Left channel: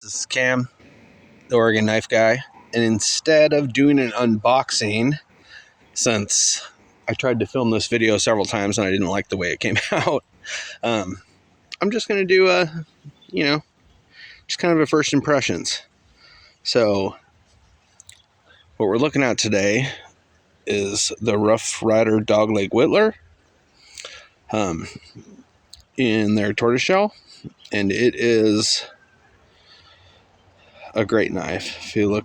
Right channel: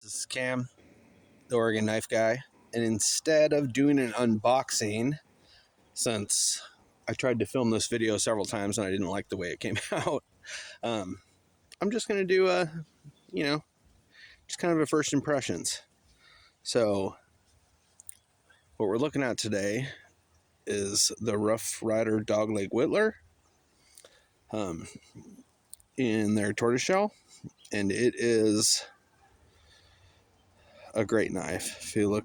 This is Cam, the Oregon Knife Guy, and instead of doing an unboxing, since I tried to film this video several times and I didn't like the way it came out, I'm just going to do just kind of a first impressions. So, what we're looking at today is the Rough Ryder Dogleg Whittler in their tortoiseshell, and it is a great knife. If you look,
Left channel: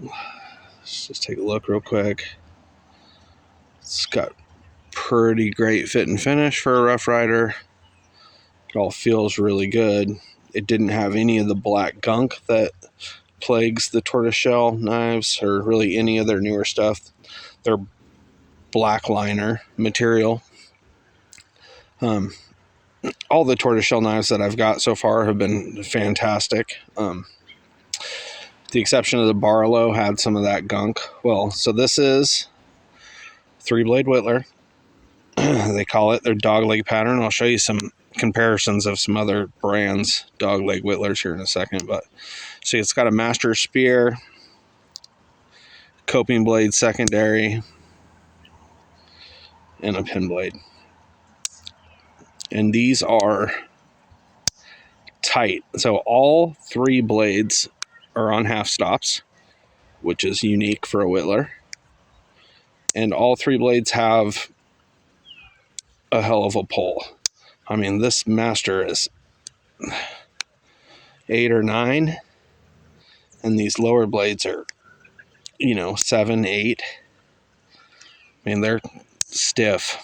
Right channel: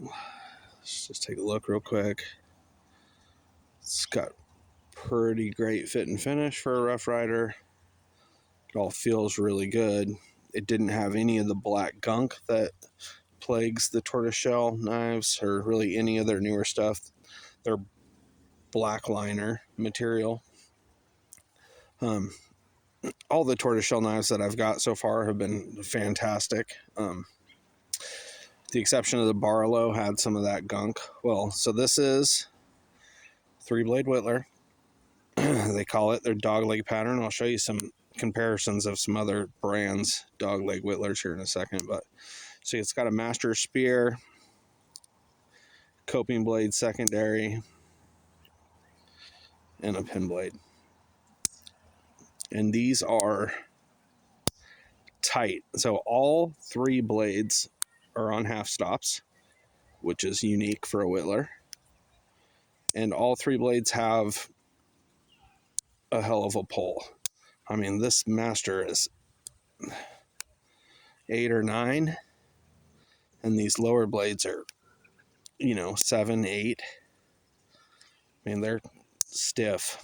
let's just take a look real quick. It's got pretty great fit and finish for a Rough Ryder. It all feels really good. It didn't have any of the black gunk that plagues the tortoiseshell knives, or really any of their newer stuff. They're black liner material. All the tortoiseshell knives that I've got so far have been fantastic. The exception of the Barlow had some of that gunk. Well, so this is 3-blade whittler. They call it their dogleg pattern. I'll show you some comparisons of some other brands dogleg whittlers here in a second. But see, it's got a master spear, coping blade secondary, and a pin blade. And these are tight. So all 3 blades are on half stops, which is unique for a whittler. And all 3 blades have a hell of a pull. I mean, this master is 8 or 9, and these lower blades are, 7, 8. I mean, they're stiff.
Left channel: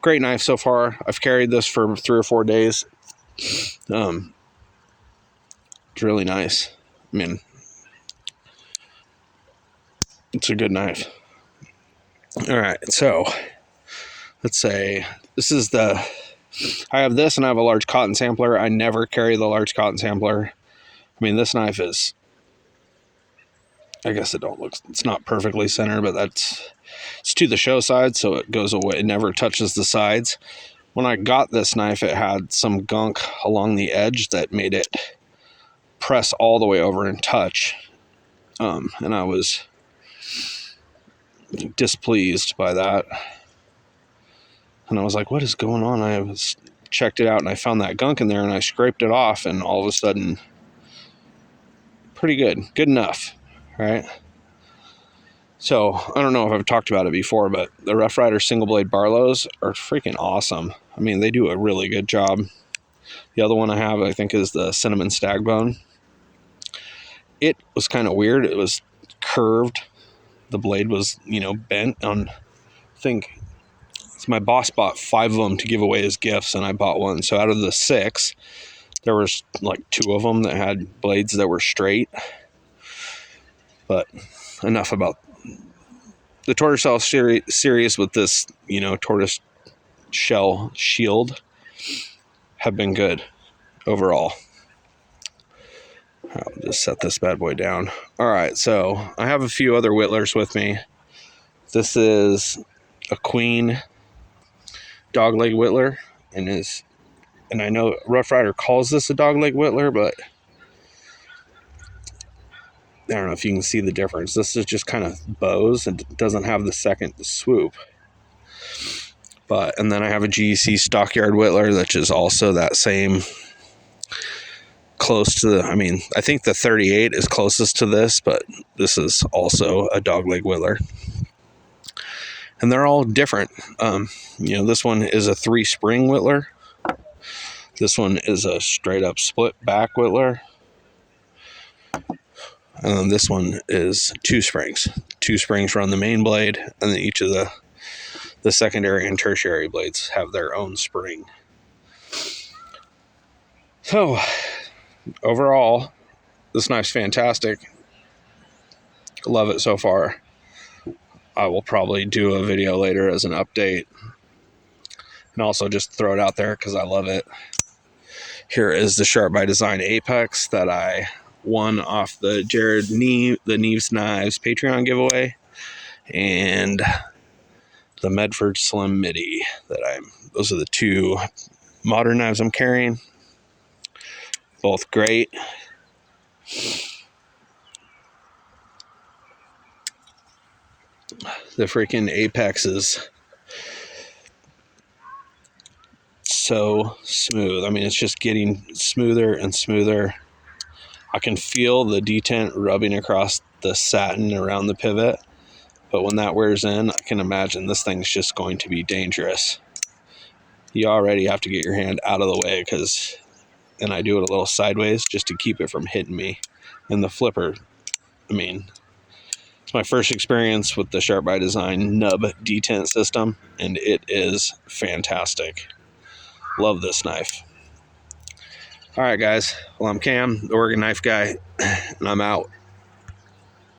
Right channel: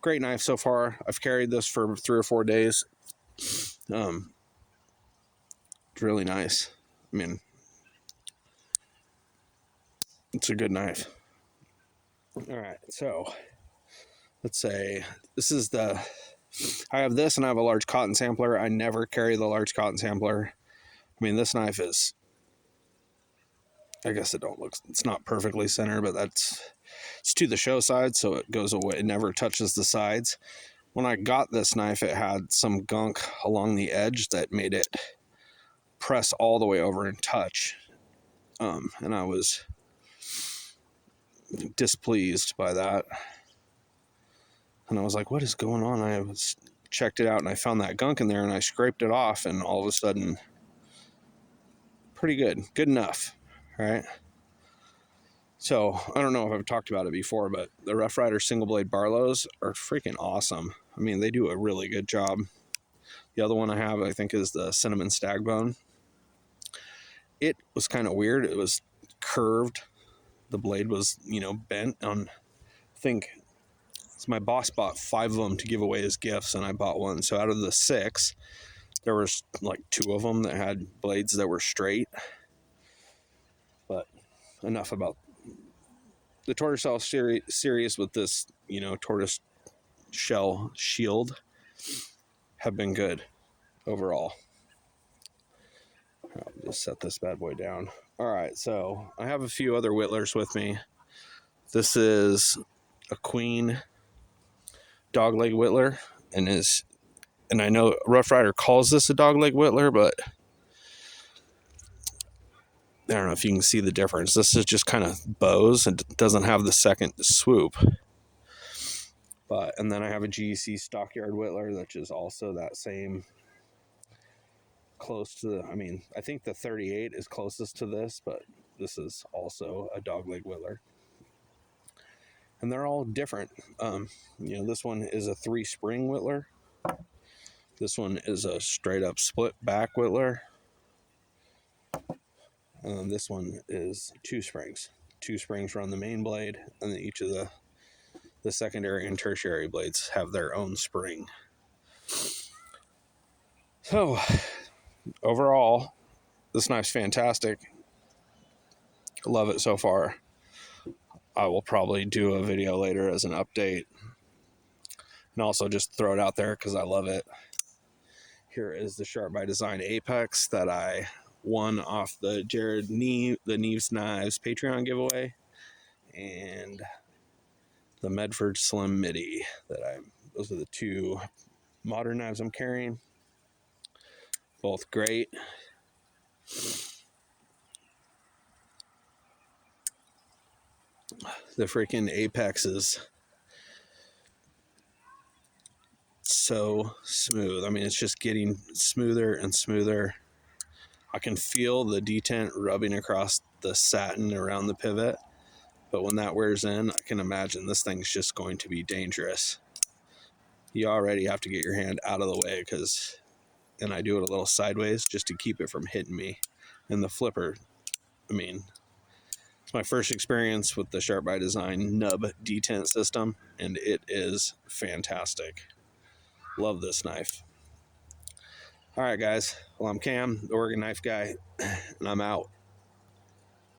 Great knife so far. I've carried this for 3 or 4 days. It's really nice. I mean, it's a good knife. All right, so let's say this is I have this and I have a large cotton sampler. I never carry the large cotton sampler. I mean, this knife is, I guess it's not perfectly centered, but it's to the show side, so it goes away. It never touches the sides. When I got this knife, it had some gunk along the edge that made it press all the way over and touch. And I was displeased by that. And I was like, what is going on? I checked it out and I found that gunk in there and I scraped it off, and all of a sudden, pretty good enough, right? So I don't know if I've talked about it before, but the Rough Ryder single blade Barlows are freaking awesome. I mean, they do a really good job. The other one I have, I think, is the Cinnamon Stagbone. It was kind of weird. It was curved. The blade was, bent on, I think, my boss bought 5 of them to give away as gifts, and I bought one. So out of the 6, there was like 2 of them that had blades that were straight. But enough about the tortoiseshell series with this, tortoise shell shield have been good overall. I'll just set this bad boy down. All right, so I have a few other whittlers with me. This is a Queen dogleg whittler, and I know Rough Ryder calls this a dogleg whittler, but I don't know if you can see the difference. This is just kind of bows and doesn't have the second swoop. And then I have a GEC Stockyard whittler, which is also that same, close to I think the 38 is closest to this, but this is also a dogleg whittler. And they're all different. This one is a 3-spring whittler. This one is a straight up split back whittler. And then this one is 2 springs. 2 springs run the main blade, and then each of the secondary and tertiary blades have their own spring. So, overall, this knife's fantastic. Love it so far. I will probably do a video later as an update, and also just throw it out there because I love it. Here is the Sharp by Design Apex that I won off the Jared Neves Knives Patreon giveaway, and the Medford Slim Midi those are the 2 modern knives I'm carrying. Both great. The freaking apex is so smooth. I mean, it's just getting smoother and smoother. I can feel the detent rubbing across the satin around the pivot, but when that wears in, I can imagine this thing's just going to be dangerous. You already have to get your hand out of the way, and I do it a little sideways just to keep it from hitting me. And the flipper, I mean, it's my first experience with the Sharp by Design nub detent system, and it is fantastic. Love this knife. All right, guys. Well, I'm Cam, the Oregon Knife Guy, and I'm out.